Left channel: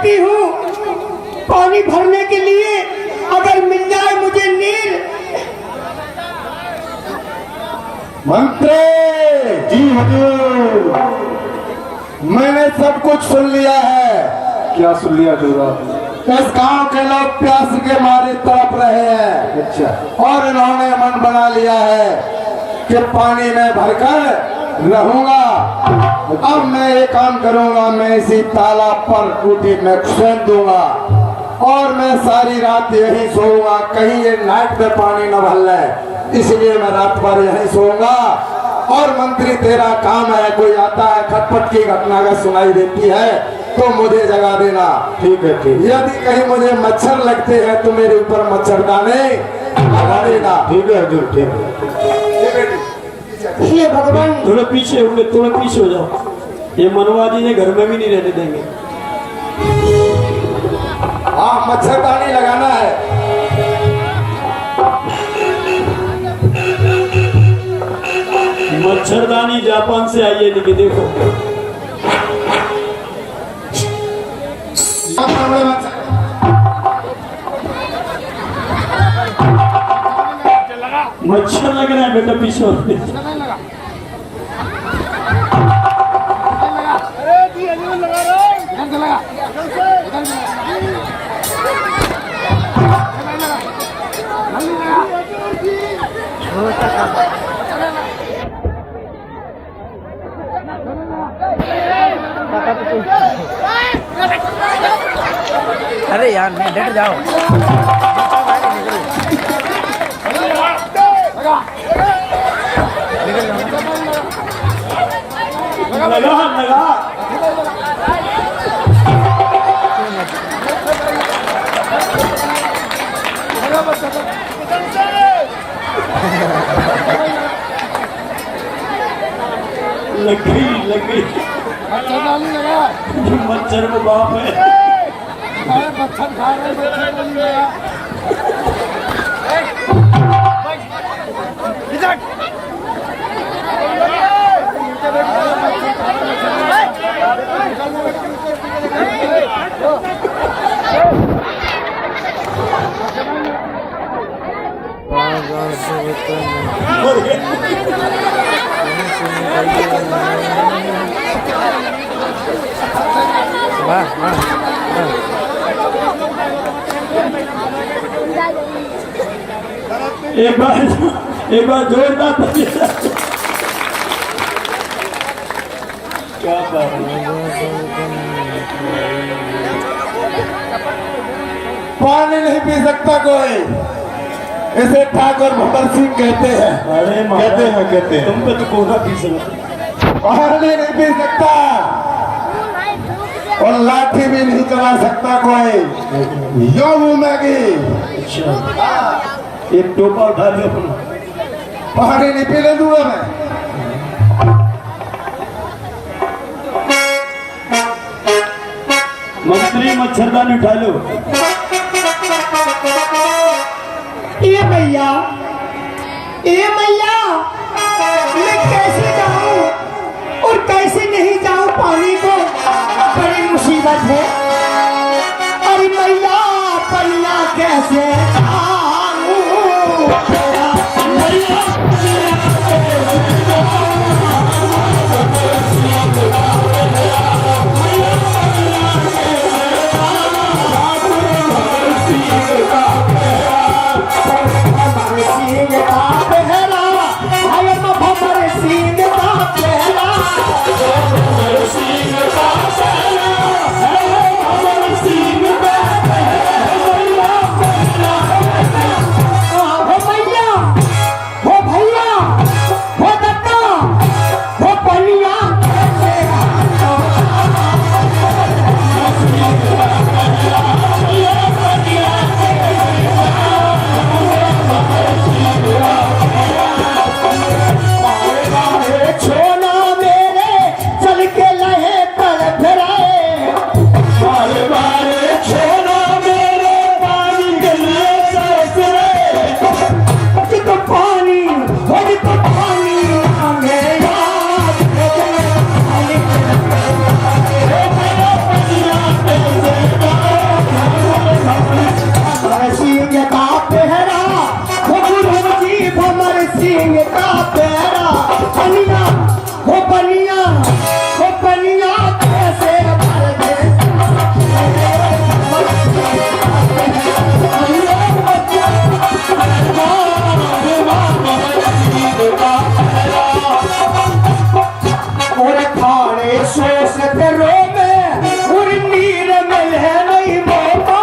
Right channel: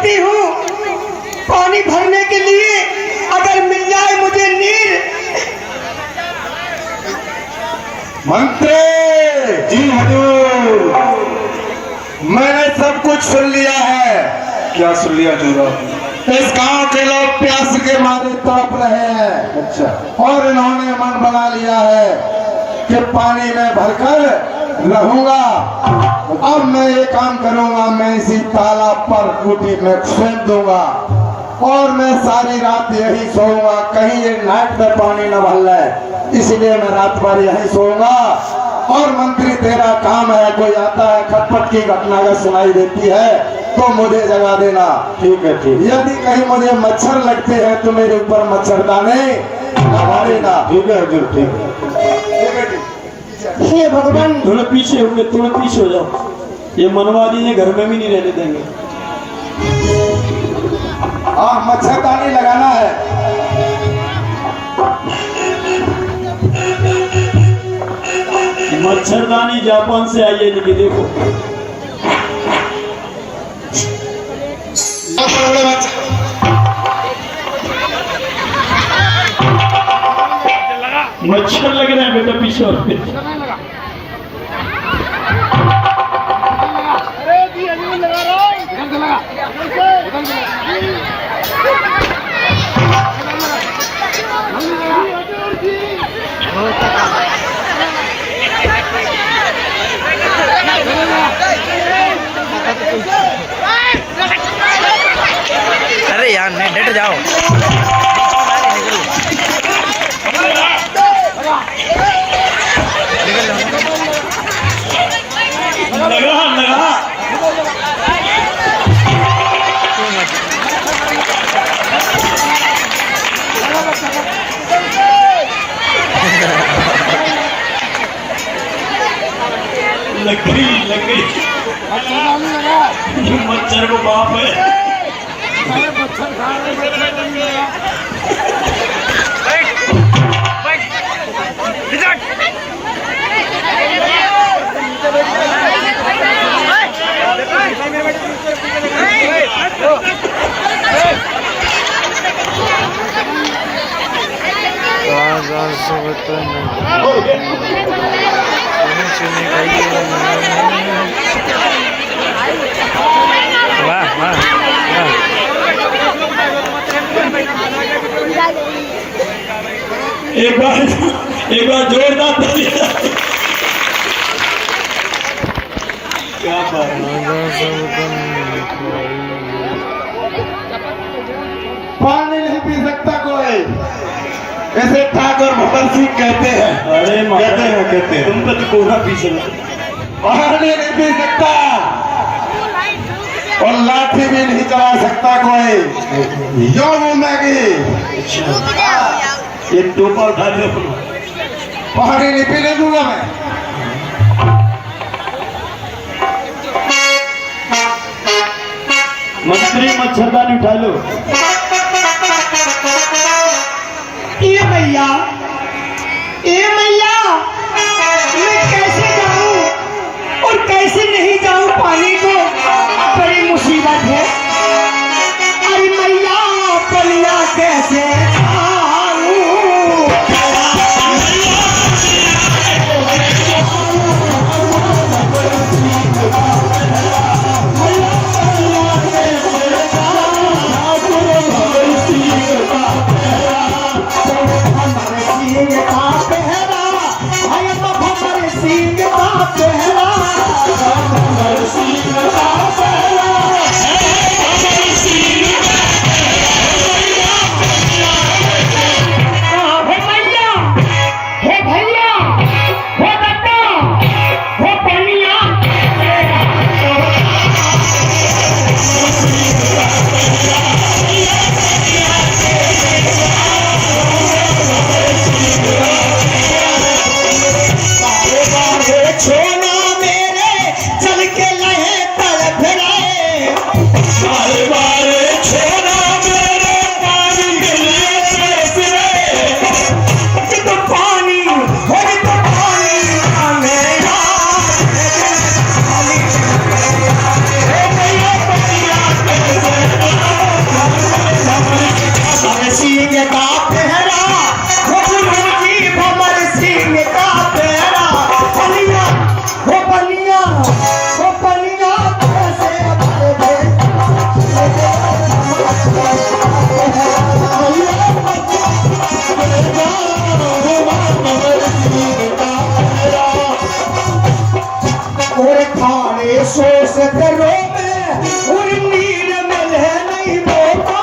तड़पती हूँ पानी भरने के लिए, अगर मिल जाए मुझे नीर। मंत्री जी हजूर, मैंने सब कुछ सुन लिया है। क्या सुन लिया जोरा? इस गांव के लोग प्यास के मारे तड़प रहे हैं। अच्छा। और इन्होंने मन बना लिया है कि पानी में भरकर रहूंगा। अब मैं ये काम करूंगा, मैं इसी तालाब पर टूटी में फेंक दूंगा और मैं सारी रात यही सोऊंगा, कहीं ये नाइट में पानी न भर ले, इसलिए मैं रात भर यही सोऊंगा। और मंत्री तेरा काम है, कोई आता है खटपट की घटना का सुनाई देती है तो मुझे जगा देना। ठीक है ठीक। यदि कहीं मुझे मच्छर लगते हैं तो मेरे ऊपर मच्छरदानी लगा देना। ठीक है हजूर, ठीक है। हे भगवान, थोड़ा पीछे हो गए, थोड़ा पीछे हो जाओ। ये मनवा जी ये घर में भी नहीं रहने देंगे। हाँ, मच्छरदानी लगाना है। मच्छरदानी जापान से आई है, लेकिन देखो मच्छर लग रहा है बेटा, पीछे और अरे यार नहीं, डट जाओ, बीच में बाहर निकलो, निकल जाओ। लगा लगा लग गई मच्छर को बाप है। वाह वाह वाह। एक बार जोरदार क्या बात पानी नहीं पी सकता कोई, इसे ठाकुर भगत सिंह कहते हैं। अरे कहते हैं तुम तो पूरा पी सकते। पानी नहीं पी सकता और लाठी भी नहीं चला सकता कोई, यो घूमेगी। ये टोपा उठा दो। पानी नहीं पीने दूंगा मैं। मंत्री मच्छरदानी उठा लो। ए मैया, ए मैया, मैं कैसे जाऊं और कैसे नहीं जाऊं, पानी को बड़ी मुसीबत है। अरे मैया, पलिया कैसे कतरों में उर्मीर में है नहीं मौका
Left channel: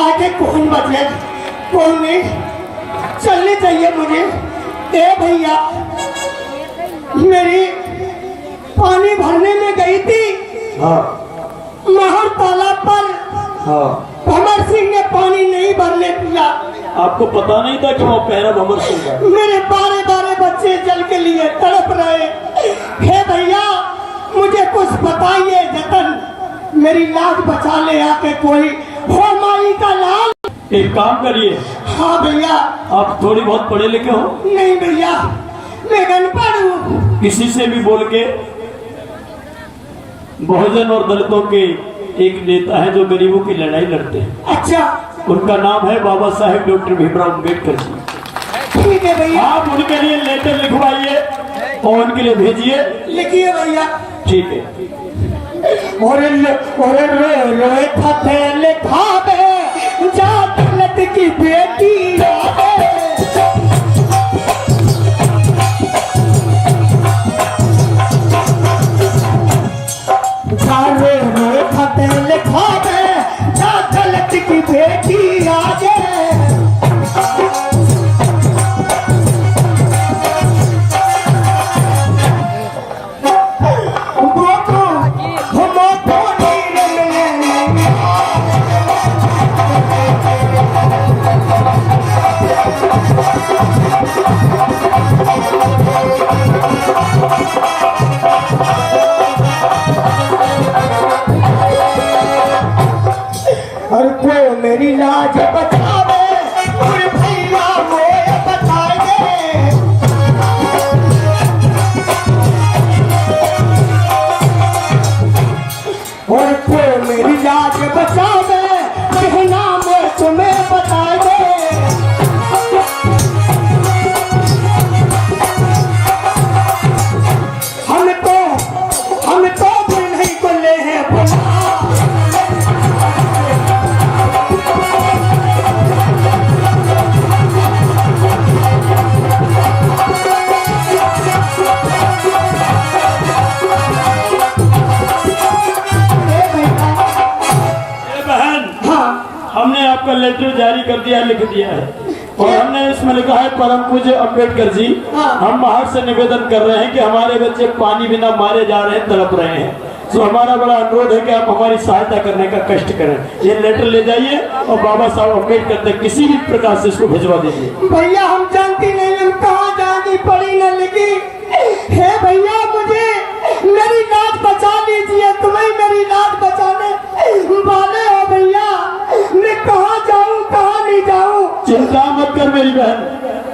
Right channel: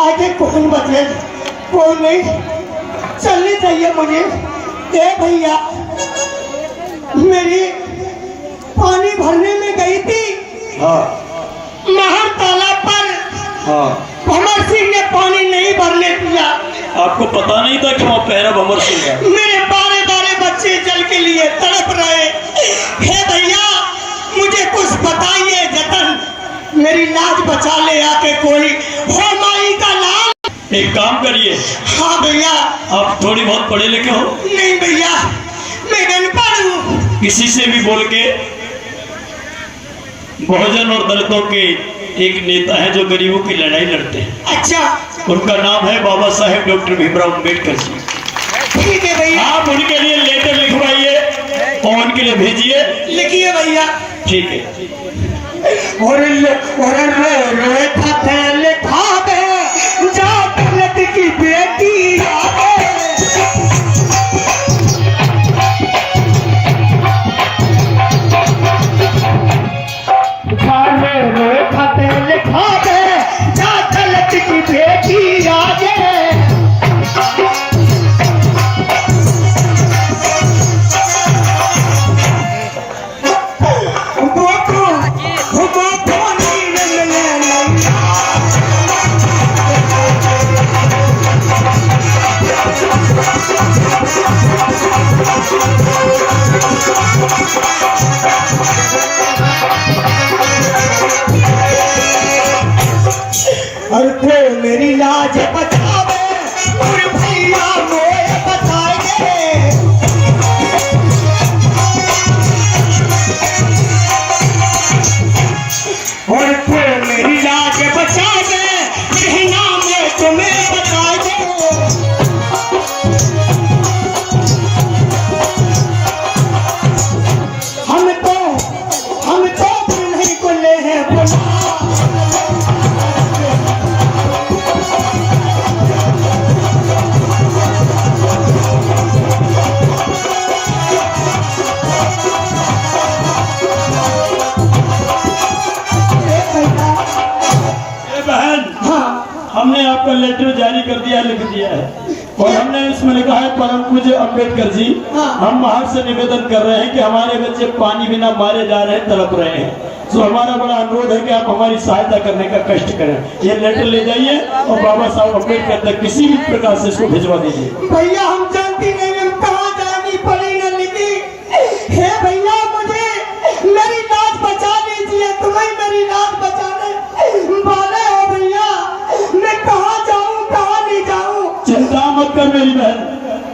आगे कौन बचे कोई नहीं चलनी चाहिए मुझे। ए भैया मेरी पानी भरने में गई थी हाँ महर तालाब पर हाँ। भंवर सिंह ने पानी नहीं भरने दिया। आपको पता नहीं था कि वो पहरा भंवर सिंह का? मेरे बारे बारे बच्चे जल के लिए तड़प रहे। हे भैया मुझे कुछ बताइए जतन मेरी लाज बचा ले आके कोई हो माई का लाल। एक काम करिए। हाँ भैया। आप थोड़ी बहुत पढ़े लिखे हो? नहीं भैया मैं अनपढ़ हूँ। किसी से भी बोल के बहुजन और दलितों के एक नेता है जो गरीबों की लड़ाई लड़ते हैं। अच्छा उनका नाम है बाबा साहेब डॉक्टर भीमराव अम्बेडकर जी। ठीक है भैया। आप उनके लिए लेटर लिखवाइए और उनके लिए भेजिए। लिखिए भैया। ठीक है। लिखा जा दौलत की बेटी लिखा जा दौलत की बेटी आगे और तो मेरी लाज बचावे और भैया मोए बताए और तो मेरी लाज बचावे कहना मैं तुम्हें बता दे। हम तो नहीं को ले हैं हमने आपका लेटर जारी कर दिया, लिख दिया है और हमने इसमें लिखा है परम पूज्य अम्बेडकर जी हम बाहर से निवेदन कर रहे हैं कि हमारे बच्चे पानी बिना मारे जा रहे हैं, तड़प रहे हैं। तो हमारा बड़ा अनुरोध है कि आप हमारी सहायता करने का कष्ट करें। ये लेटर ले जाइए और बाबा साहब अम्बेडकर तक किसी भी प्रकार से इसको भिजवा दीजिए। भैया हम जानती नहीं हम कहाँ जानी पड़ी न लिखी। हे भैया मुझे मेरी लाज बचा लीजिए, तुम्हें मेरी लाज बचाने वाले हो भैया। मैं कहाँ जाऊँ कहाँ नहीं जाऊँ। चिंता मत कर मेरी बहन,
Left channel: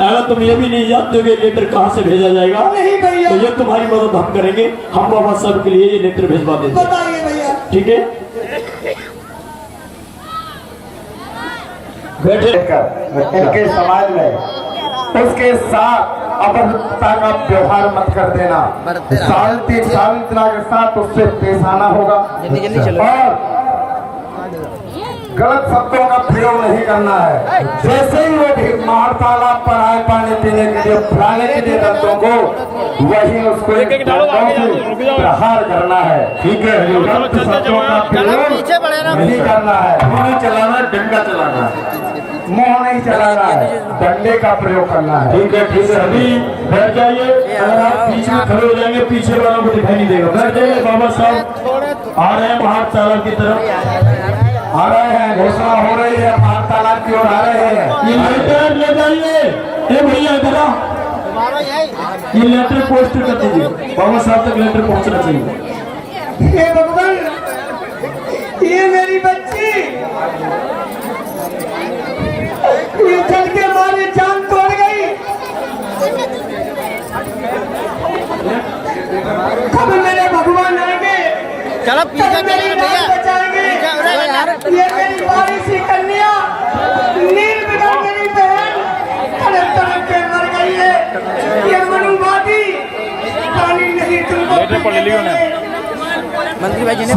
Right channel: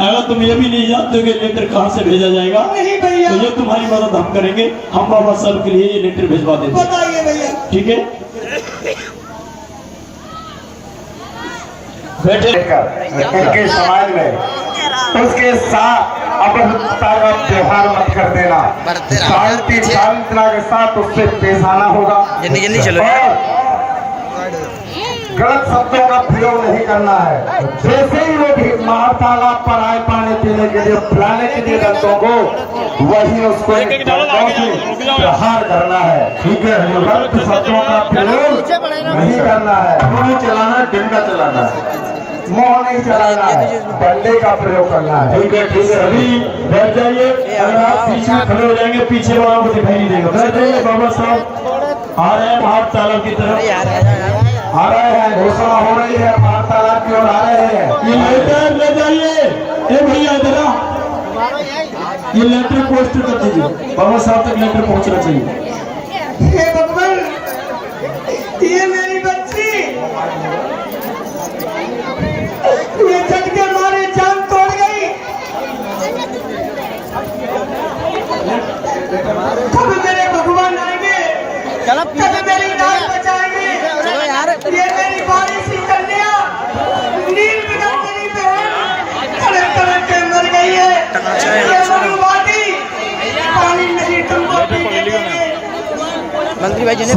अगर तुम ये भी नहीं जानते कि लेटर कहाँ से भेजा जाएगा नहीं भैया तो ये तुम्हारी मदद हम करेंगे। हम बाबा साहब के लिए ये लेटर भिजवा देंगे। बताइए भैया। ठीक है बैठे। उनके समाज में उसके साथ अपरता का व्यवहार मत कर देना। शांति शांतना के साथ उससे पेश आना होगा जल्दी जल्दी चलो। और गलत शब्दों का प्रयोग नहीं करना है। जैसे ही वो भी मार तालाब पर आए पानी पीने के लिए पिलाने के लिए दंतों को वही उसको दंतों से प्रहार करना है। ठीक है, गलत शब्दों का प्रयोग नहीं करना है। मुंह नहीं चलाना, डंडा चलाना है। मुंह नहीं चलाना है, डंडे का प्रयोग करना है। ठीक है ठीक है। अभी बैठ जाइए, अगर आप पीछे खड़े हो जाएंगे पीछे वालों को दिखाई नहीं देगा। बैठ जाइए, बाबा साहब आ रहे हैं बाहर तालाब की तरफ। आ रहे हैं, घोषणा हो रही है, पार तालाब की ओर आ रहे हैं। ये लेटर ले जाइए। ए भैया इधर आओ, ये लेटर पोस्ट कर दीजिए, बाबा साहब तक लेटर पहुंचना चाहिए। हे भगवान, ये मेरी बच्ची, ये झटके मारे जान तोड़ गई। कब मेरे भगवान आएंगे, कब मेरी जान बचाएंगे? ये मेरी बारी सी कन्या नील बिगड़ मेरी बहन तड़प तड़प के मर गई है। ये मनुवादी पानी नहीं तुमको पीने देंगे। मंत्री भाई जी ने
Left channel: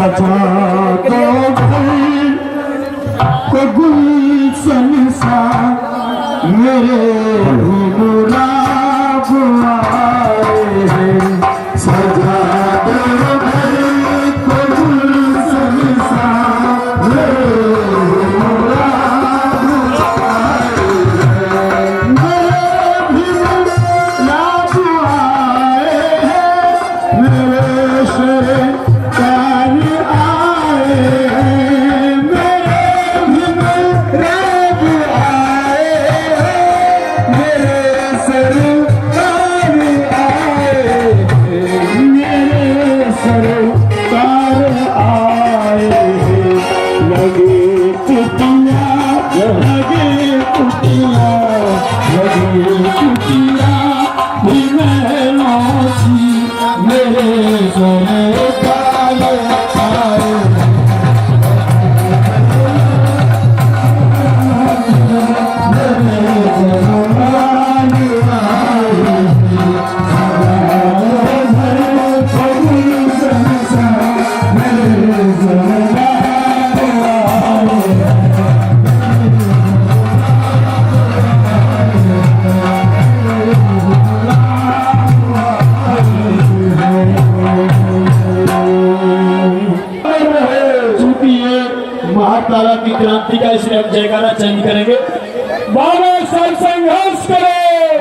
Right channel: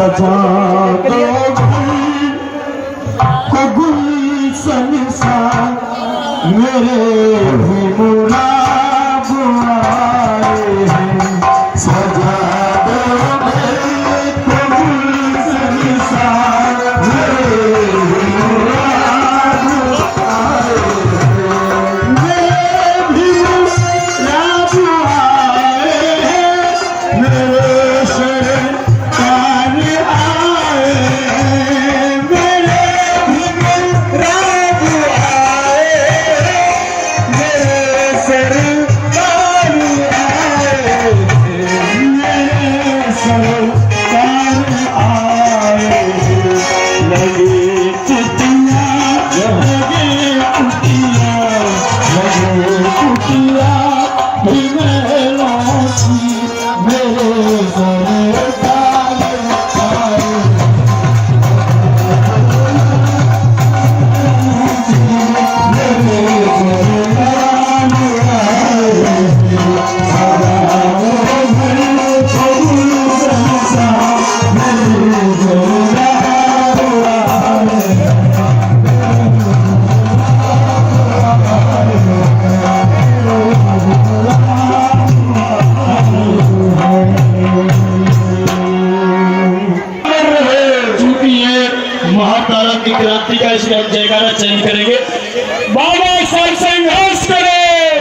महातारा की क्रांति का इस जयकारा चैलेंज करेंगे। बाबा साहब संघर्ष करो,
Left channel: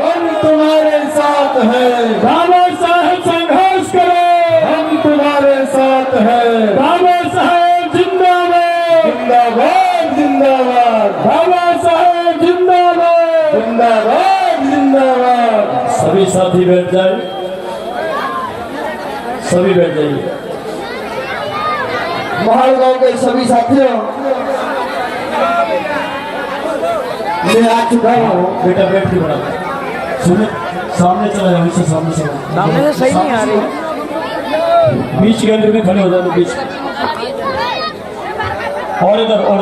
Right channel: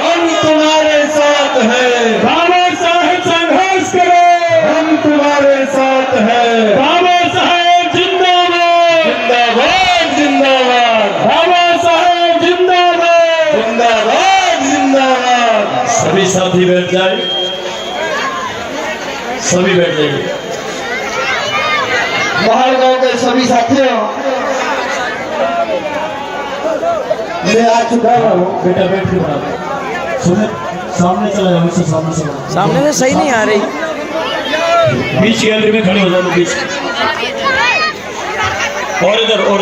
हम तुम्हारे साथ हैं। बाबा साहब संघर्ष करो, हम तुम्हारे साथ हैं। बाबा साहब जिंदाबाद, जिंदाबाद जिंदाबाद बाबा साहब जिंदाबाद, जिंदाबाद जिंदाबाद। सभी साथी बैठ जाए, सभी बैठ जाइए। महाल गांव के सभी साथियों, मैं आ चुका हूँ। बेटा बैठ के सुने, सामने चला जाए, मुझसे सामने चला। सामने से सही नहीं आ रही। बीच गैलरी में खड़े हो जाओ, बीच और इधर वो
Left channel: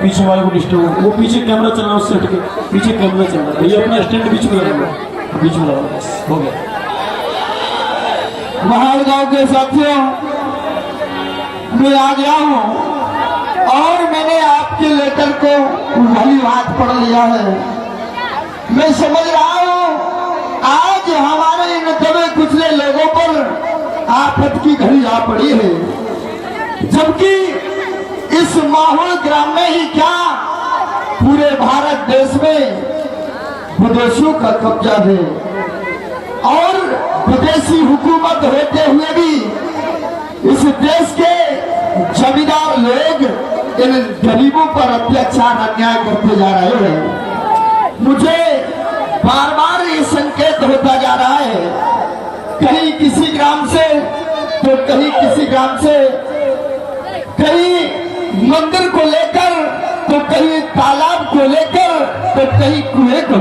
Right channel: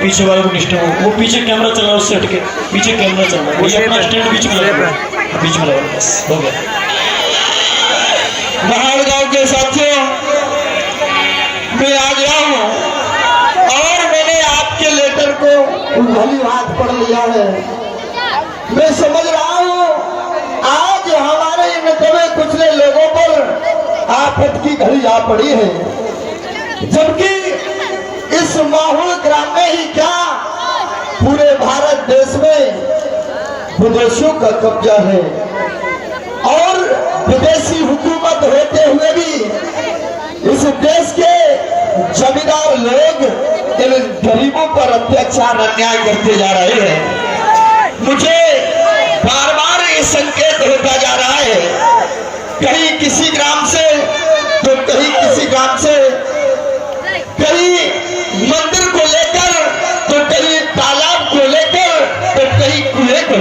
पीछे वाले को डिस्टर्ब, वो पीछे कैमरा चला, उससे हट के पीछे कैमरा चल रहा है, ये अपना स्टैंड बीच में लगा, बीच में लगा, बस हो गया। महाल गांव के साथियों, मैं आ गया हूँ और मैंने आपके लेटर को भली हाथ पढ़ लिया है। मैं समझ रहा हूँ आज हमारे इन कमे कुचले लोगों पर आफत की घड़ी आ पड़ी है, जबकि इस माहौल ग्राम में ही क्या पूरे भारत देश में विदेशियों का कब्जा है और विदेशी हुकूमत होते हुए भी इस देश के जमींदार लोग इन गरीबों पर अत्याचार अन्याय करते जा रहे हैं। मुझे बार बार ये संकेत होता जा रहा है, कहीं किसी ग्राम से तो कहीं किसी ग्राम से, कहीं मंदिर को लेकर तो कहीं तालाब को लेकर तो कहीं कुएं को